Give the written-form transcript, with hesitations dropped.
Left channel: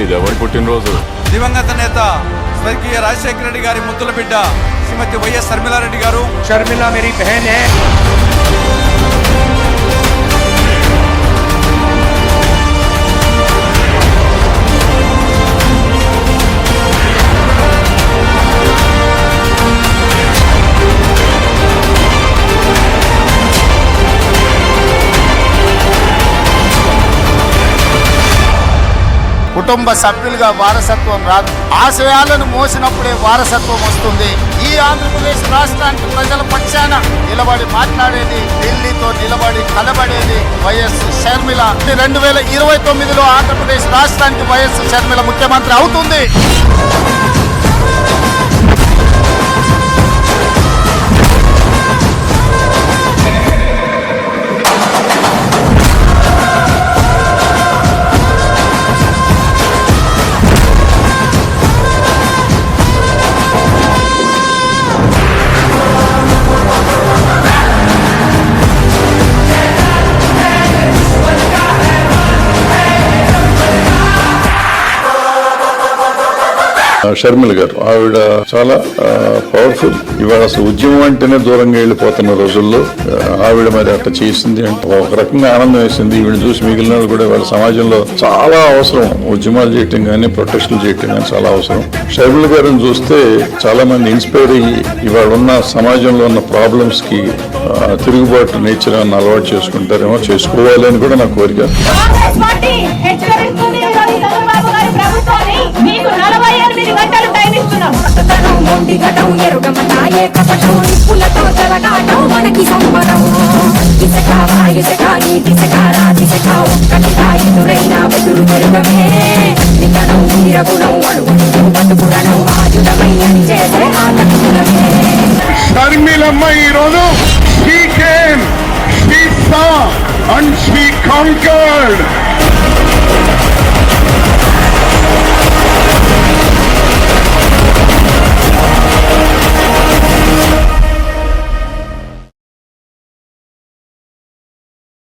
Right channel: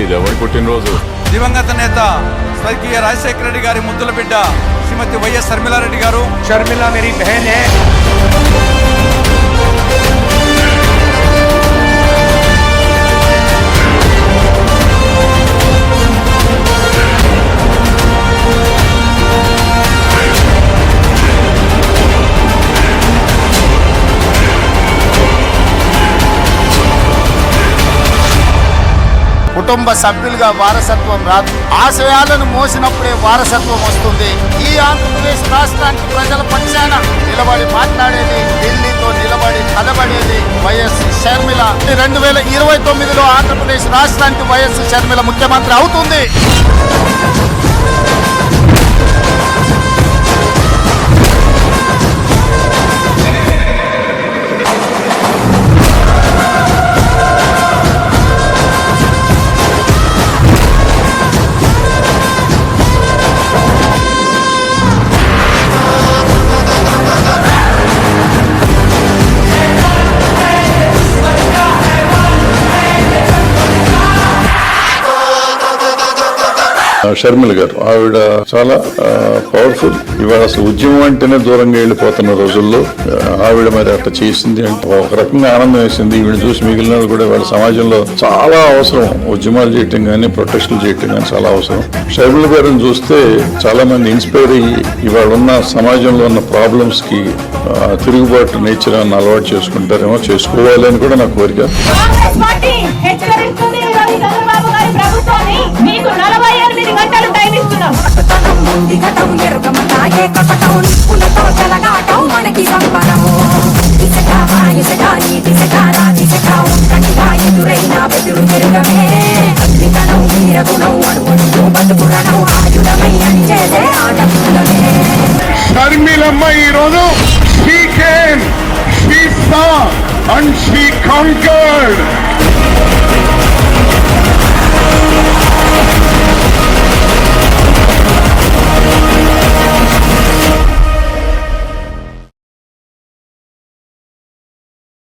ఇది ఎవరి పుట్టినరోజు? దివంగత నేత స్వర్గీయ రాజశేఖర రెడ్డి గారి ముద్దుల బిడ్డ శ్రీమతి వైఎస్ శర్మిలారెడ్డి గారు. शर्मिला मेरी बहन है. కుటుంబ సభ్యులుగా వారసత్వం రాదు, ఆశయాలను మోసినప్పుడే వారసత్వం వస్తుంది. ఈ ఆంధ్రప్రదేశ్ రాష్ట్రానికి ప్రజల పక్షాన నిలబడి మాట్లాడేది, ఢిల్లీతో నిలబడి కలబడేది వైఎస్ షర్మిల. 2029లో ఆంధ్రప్రదేశ్ రాష్ట్రానికి వైఎస్ షర్మిల ముఖ్యమంత్రి అవుతుంది. షర్మిల గారు ఆవిడ చాలా పవర్ఫుల్. ఇవాళ అసలు ఉద్యమం అంటేనే దూరంగా వెళ్ళిపోతున్న రోజుల్లో ఆవిడ మరి అట్లా చేసింది అంటే ఒక రకంగా ఆనందం వేసింది. ఈవిడ చూసి మిగిలిన కూడా వాళ్ళ సమాజంలో చాలా అవసరం. ఉద్యమాలు చేయటం కానీ ప్రొటెస్టులు చేయటం కానీ చాలా అవసరం. షర్మిల గారిని చూస్తే చాలా మంది ఇన్స్పైర్ అయ్యి ఇవాళ ఉన్న సమాజంలో ఉన్న ప్రాబ్లమ్స్ కి తిరుగుబాటు నేచర్ అని అలవాటు చేసుకుంటారేమో, చేసుకోవాలి అని కూడా నా కోరిక. షర్మిలమ్మ ఈరోజు she came, she saw and she conquered.